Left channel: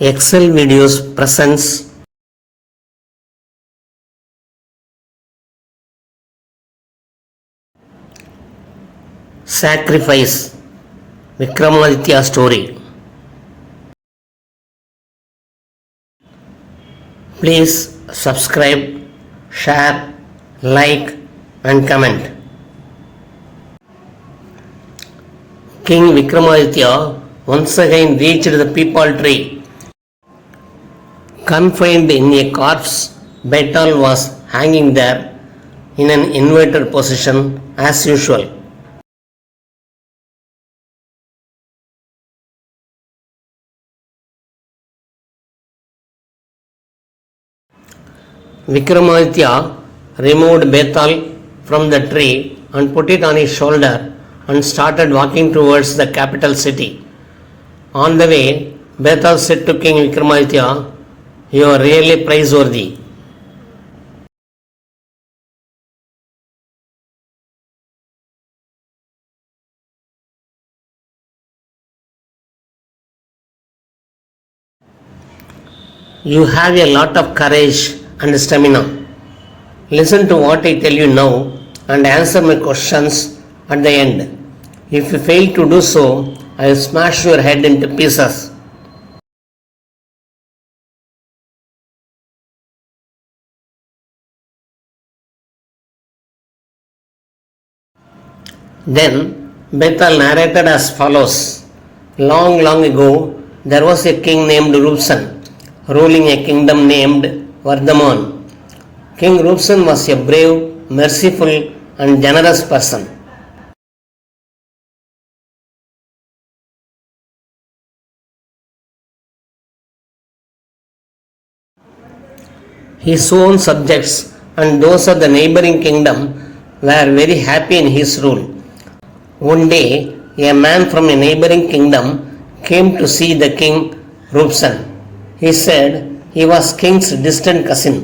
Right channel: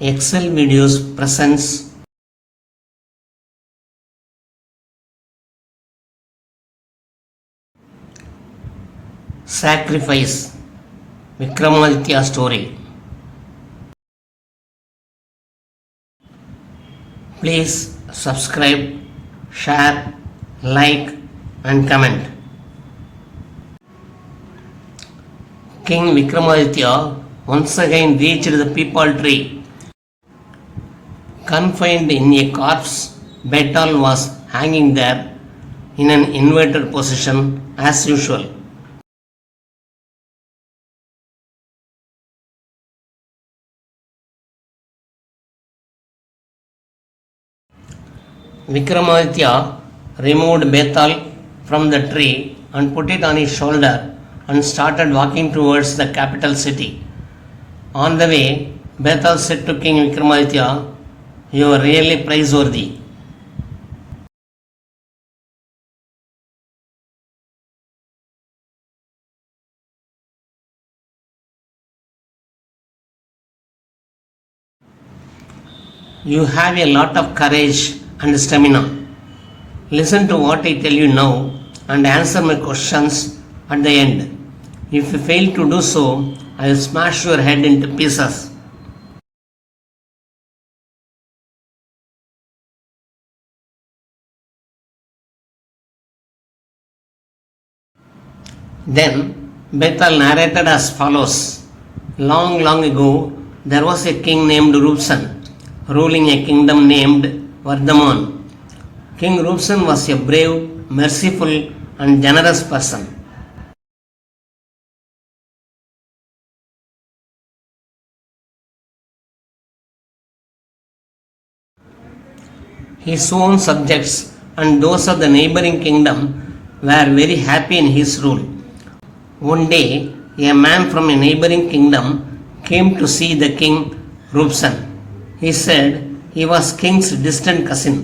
Excel Videos presents Sacrifice Vikramaditya story. Please subscribe, share, like and comment. King Vikramaditya once again reached the peepal tree. Confined in a corpse, Betal was hanging there in an inverted position as usual. Vikramaditya removed Betal from the tree and put it on his shoulder and started walking towards the capital city. On the way, Betal said to King Vikramaditya, "You are really praiseworthy. You have a lot of courage and stamina. Listen to what I tell you now and answer my questions at the end. If you fail to do so, I will smash your head into pieces." Then Betal narrated as follows. Long, long ago, there was a king named Rupsan, ruling a kingdom named Vardhaman. King Rupsan was a brave, merciful and generous person. His own subjects and those of the neighboring kingdom were very happy in his rule. One day, a man from a neighboring kingdom came to see the king Rupsan. He said he was king's distant cousin.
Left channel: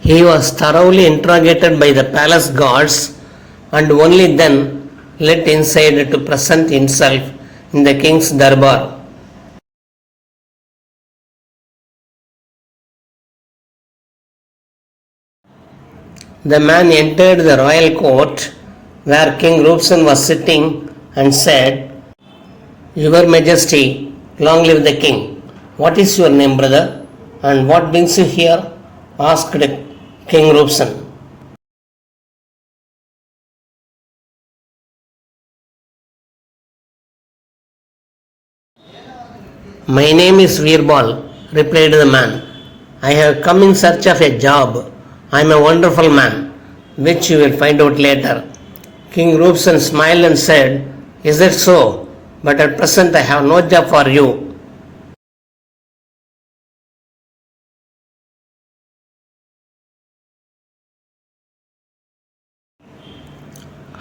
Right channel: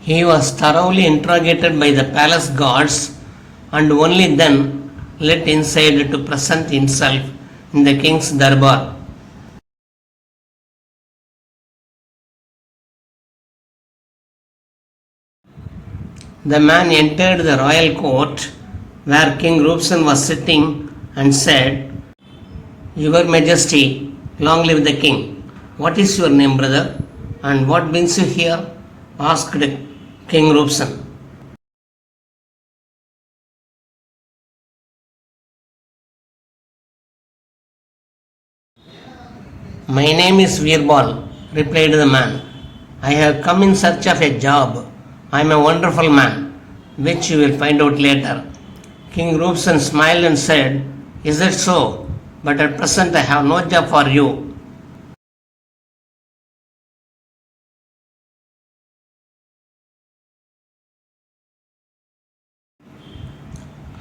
He was thoroughly interrogated by the palace guards and only then let inside to present himself in the king's darbar. The man entered the royal court where King Rupsan was sitting and said, "Your Majesty, long live the king. What is your name, brother, and what brings you here?" asked King Rupsan. "My name is Veerbal," replied the man. "I have come in search of a job. I am a wonderful man, which you will find out later." King Rupsan smiled and said, "Is that so? But at present I have no job for you."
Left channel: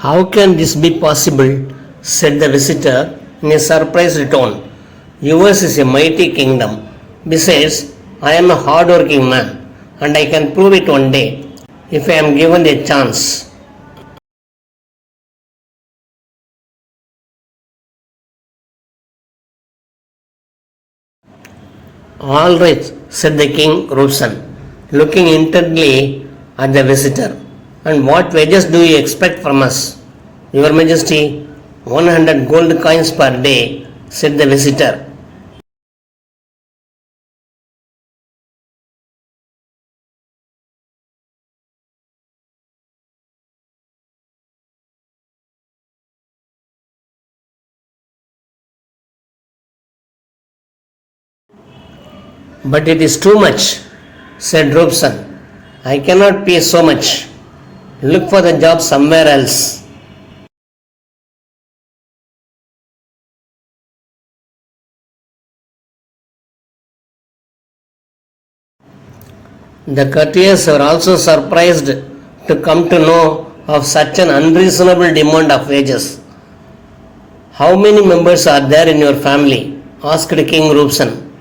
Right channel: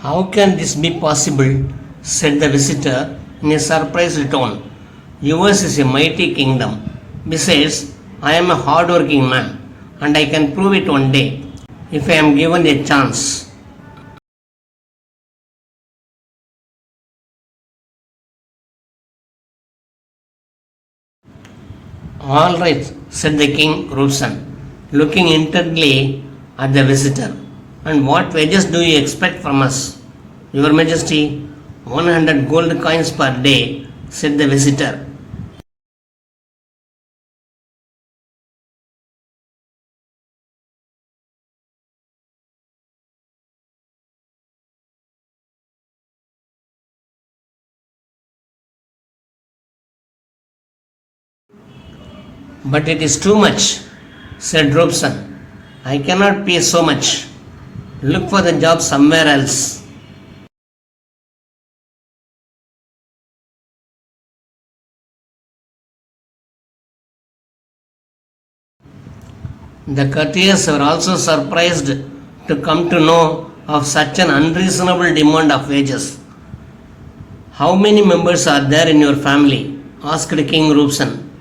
"How can this be possible?" said the visitor in a surprised tone. "Yours is a mighty kingdom. Besides, I am a hard-working man, and I can prove it one day, if I am given a chance." "All right," said the king Rupsan, looking intently at the visitor. "And what wages do you expect from us?" "Your Majesty, 100 gold coins per day," said the visitor. "But it is too much," said Rupsan. "I cannot pay so much. Look for the job somewhere else." The courtiers were also surprised to come to know of such an unreasonable demand of wages. "How many members are there in your family?" asked King Rupsan.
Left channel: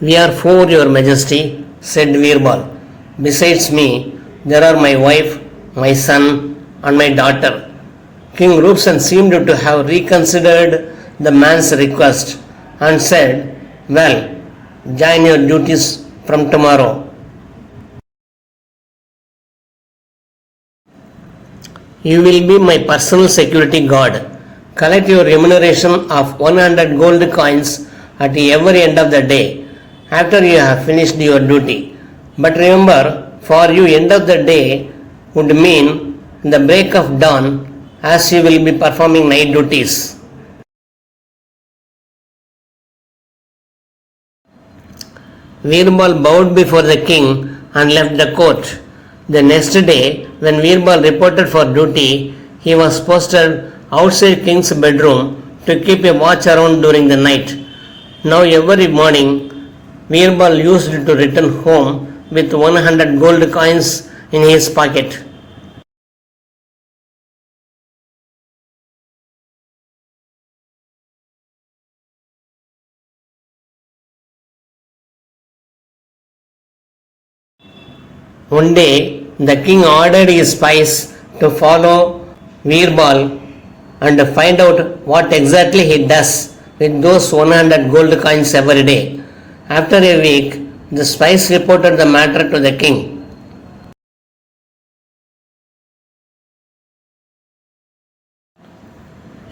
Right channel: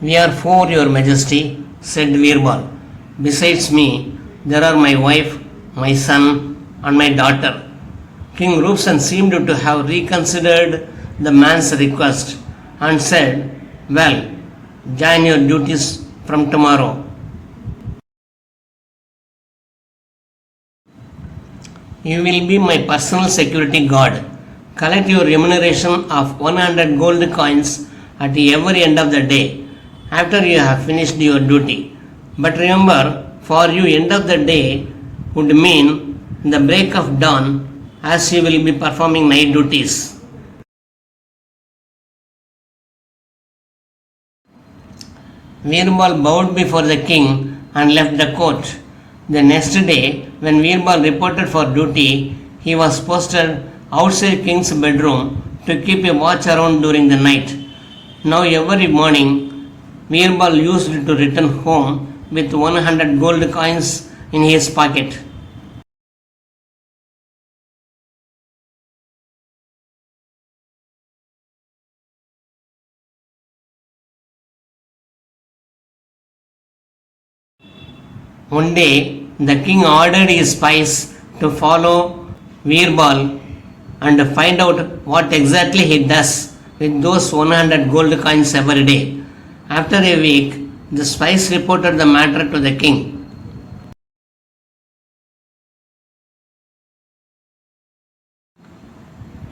We are four, Your Majesty, said Virbal. Besides me, there are my wife, my son, and my daughter. King Rupsan seemed to have reconsidered the man's request and said, "Well, join your duties from tomorrow." You will be my personal security guard. Collect your remuneration of 100 gold coins at every end of the day after you have finished your duty. But remember, for you end of the day would mean the break of dawn, as you will be performing night duties. Virbal bowed before the king and left the court. The next day, when Virbal reported for duty, he was posted outside king's bedroom to keep a watch around during the night. Now every morning, Virbal used to return home with 100 gold coins in his pocket. One day, the king ordered his spies to follow Virbal and find out what exactly he does with those 100 gold coins every day. After a week, the spies reported the matter to the king.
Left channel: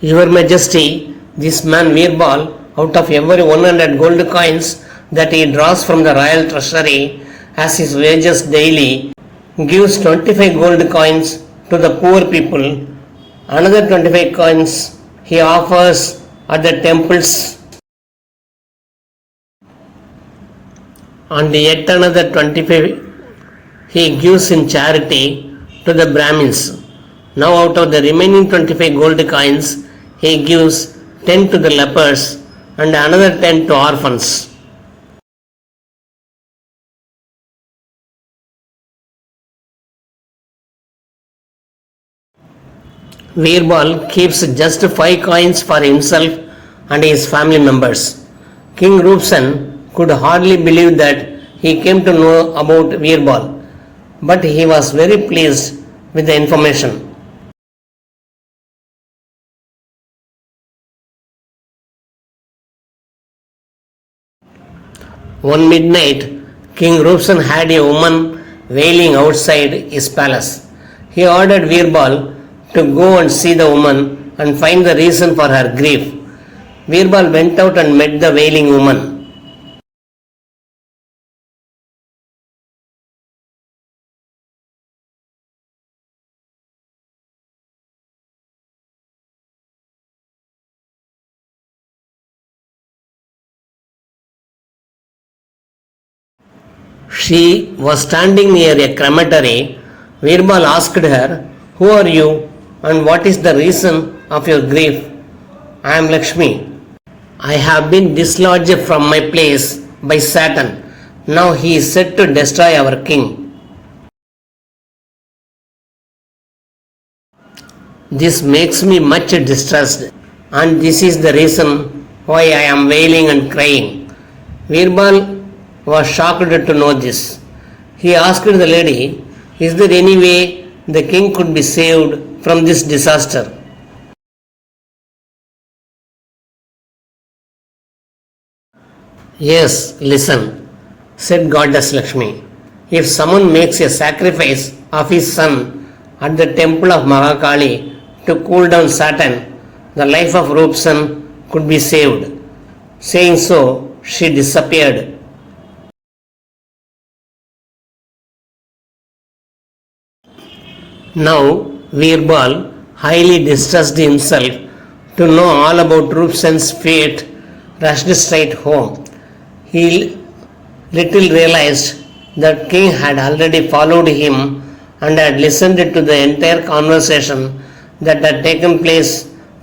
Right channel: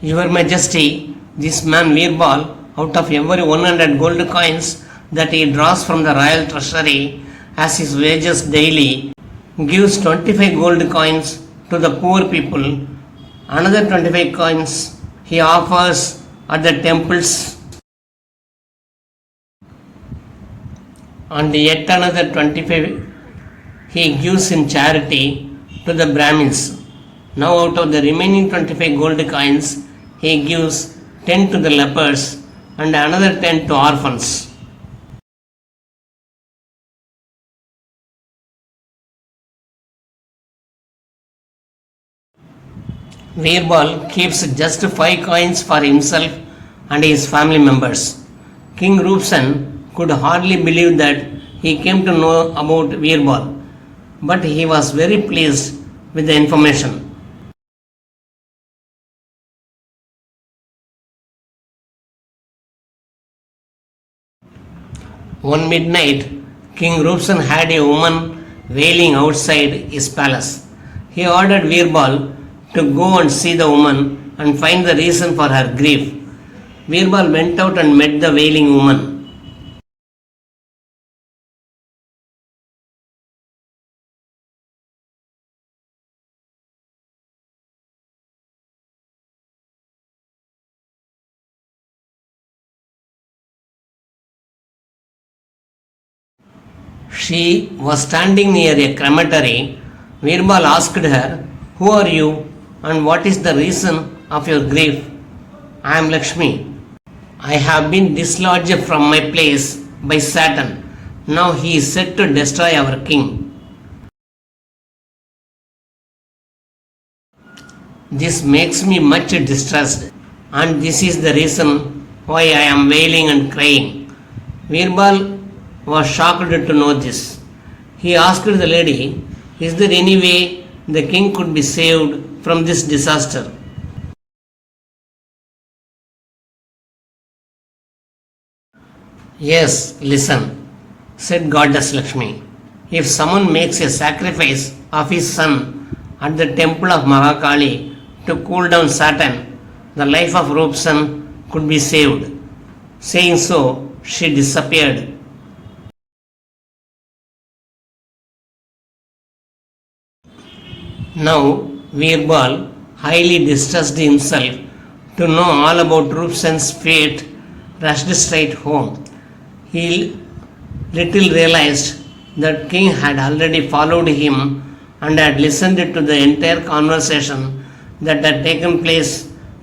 Your Majesty, this man Virbal, out of every 100 gold coins that he draws from the royal treasury as his wages daily, gives 25 gold coins to the poor people. Another 25 coins he offers at the temples, and yet another 25 he gives in charity to the Brahmins. Now out of the remaining 25 gold coins, he gives 10 to the lepers and another 10 to orphans. Virbal keeps just 5 coins for himself and his family members. King Rupsan could hardly believe that he came to know about Virbal, but he was very pleased with the information. One midnight, King Rupsan had a woman wailing outside his palace. He ordered Virbal to go and see the woman and find the reason for her grief. Virbal went out and met the wailing woman. She was standing near a crematory. Virbal asked her, "Who are you and what is the reason of your grief?" "I am Lakshmi. I have been dislodged from my place by Satan. Now he is set to destroy our king." "This makes me much distressed, and this is the reason why I am wailing and crying." Virbal was shocked to know this. He asked the lady, "Is there any way the king could be saved from this disaster?" "Yes, listen," said Goddess Lakshmi. "If someone makes a sacrifice of his son at the temple of Mahakali to cool down Satan, the life of Rupsan could be saved." Saying so, she disappeared. Now, Virbal, highly distressed himself to know all about Rupsan's fate, rushed straight home. He little realized that king had already followed him and had listened to the entire conversation that had taken place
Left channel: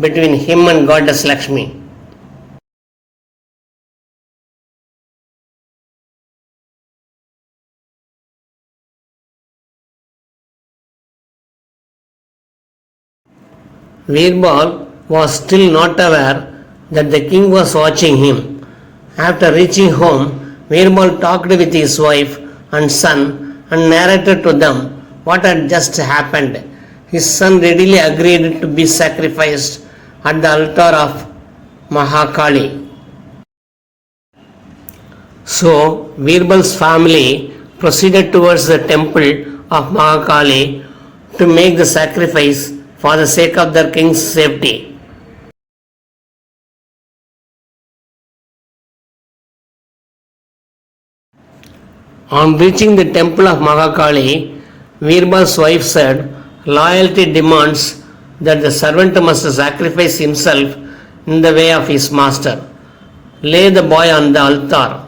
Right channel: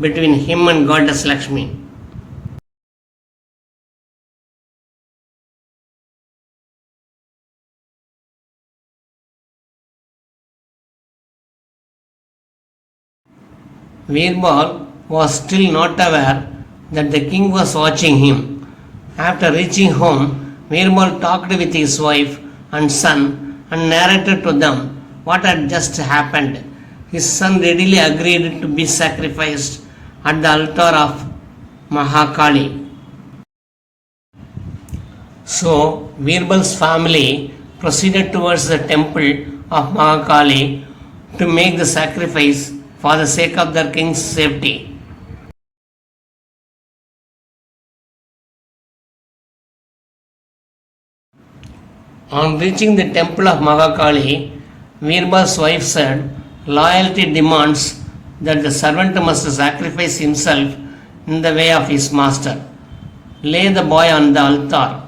between him and Goddess Lakshmi. Virbal was still not aware that the king was watching him. After reaching home, Virbal talked with his wife and son and narrated to them what had just happened. His son readily agreed to be sacrificed at the altar of Mahakali. So, Virbal's family proceeded towards the temple of Mahakali to make the sacrifice for the sake of their king's safety. On reaching the temple of Mahakali, Virbal's wife said, "Loyalty demands that the servant must sacrifice himself in the way of his master. Lay the boy on the altar."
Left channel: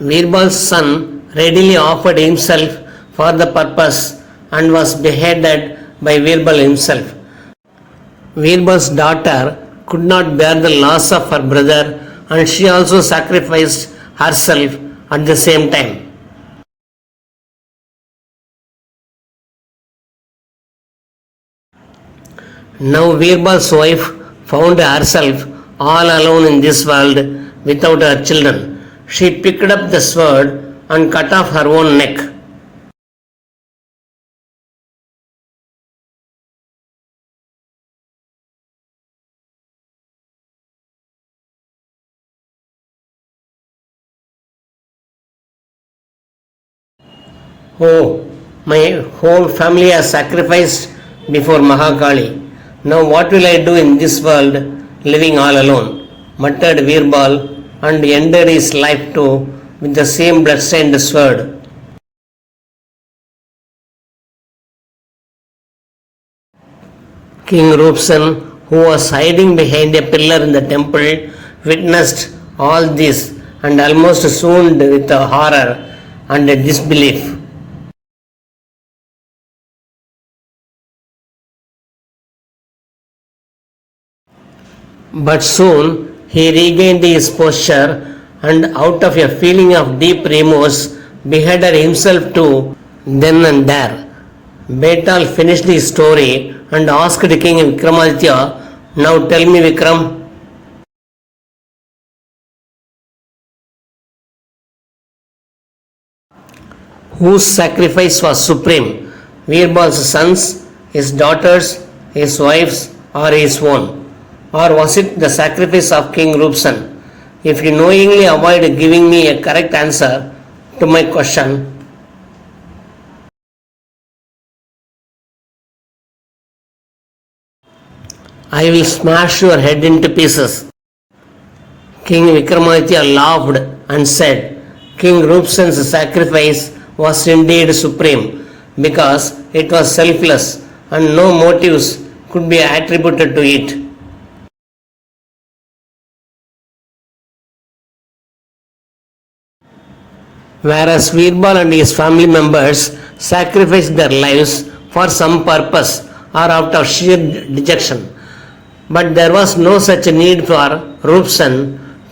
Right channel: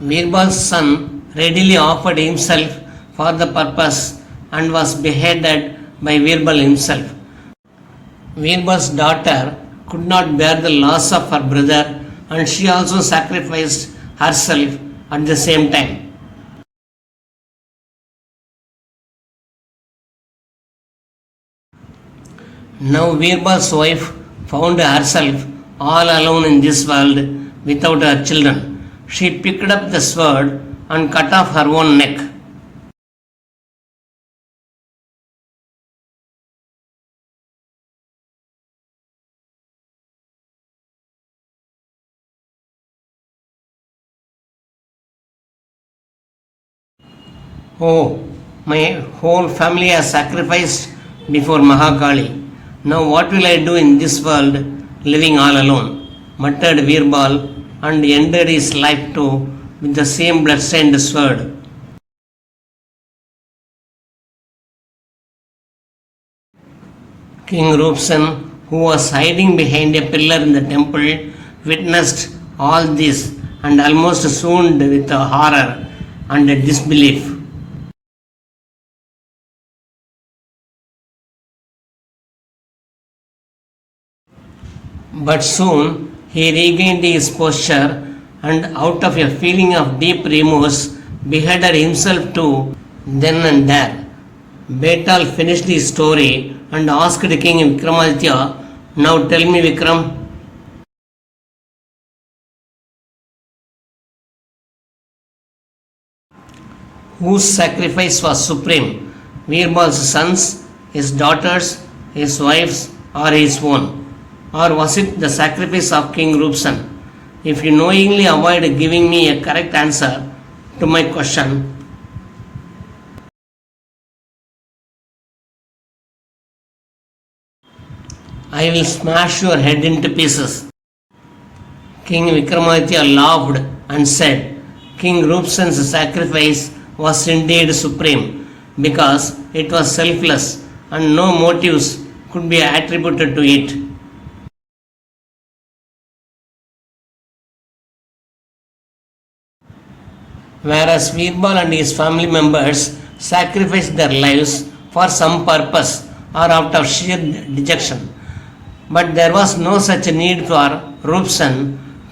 Virbal's son readily offered himself for the purpose and was beheaded by Virbal himself. Virbal's daughter could not bear the loss of her brother and she also sacrificed herself at the same time. Now Virbal's wife found herself all alone in this world without her children. She picked up the sword and cut off her own neck. Oh, my whole family has sacrificed before Mahakali. Now what will I do in this world living all alone? Muttered Virbal and ended his life too with the same blood-stained sword. King Rupsen, who was hiding behind a pillar in the temple, witnessed all this and almost swooned with horror and disbelief. But soon he regained his posture and out of a feeling of deep remorse beheaded himself too then and there. Betal finished his story and asked King Vikramaditya, "Now tell me, Vikram, whose sacrifice was supreme? Virbal's sons, his daughters, his wives, or his own? Or was it the sacrifice of King Rupsen? If you knowingly avoid giving me a correct answer to my question, I will smash your head into pieces." King Vikramaditya laughed and said, "King Rupsen's sacrifice was indeed supreme because it was selfless and no motives could be attributed to it. Whereas Virbal and his family members sacrificed their lives for some purpose or out of sheer dejection. But there was no such need for Rupsen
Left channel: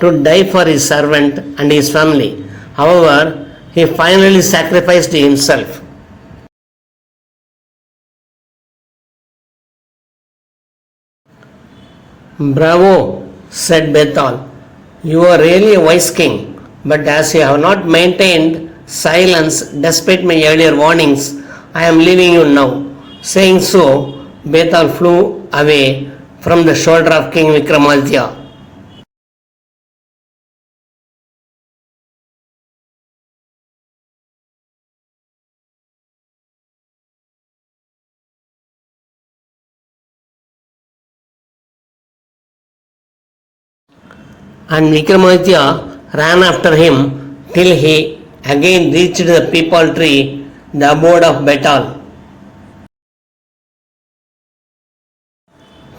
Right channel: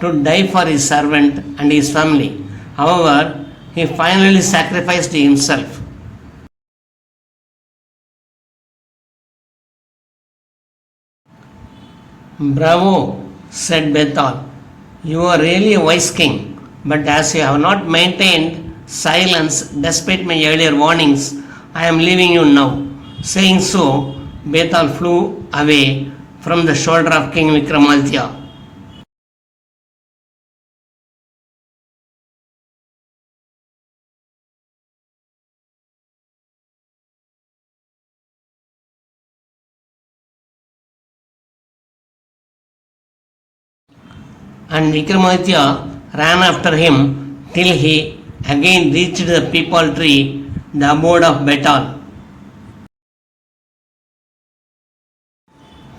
to die for his servant and his family. However, he finally sacrificed himself. "Bravo," said Betal. "You are really a wise king. But as you have not maintained silence despite my earlier warnings, I am leaving you now." Saying so, Betal flew away from the shoulder of King Vikramaditya. And Vikramaditya ran after him till he again reached the peepal tree, the abode of Betal.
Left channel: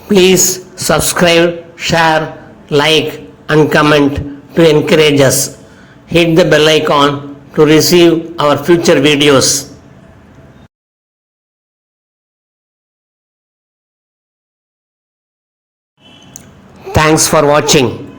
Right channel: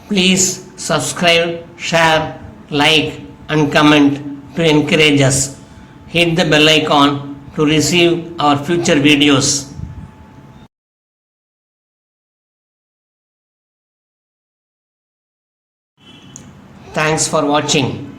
Please subscribe, share, like and comment to encourage us. Hit the bell icon to receive our future videos. Thanks for watching.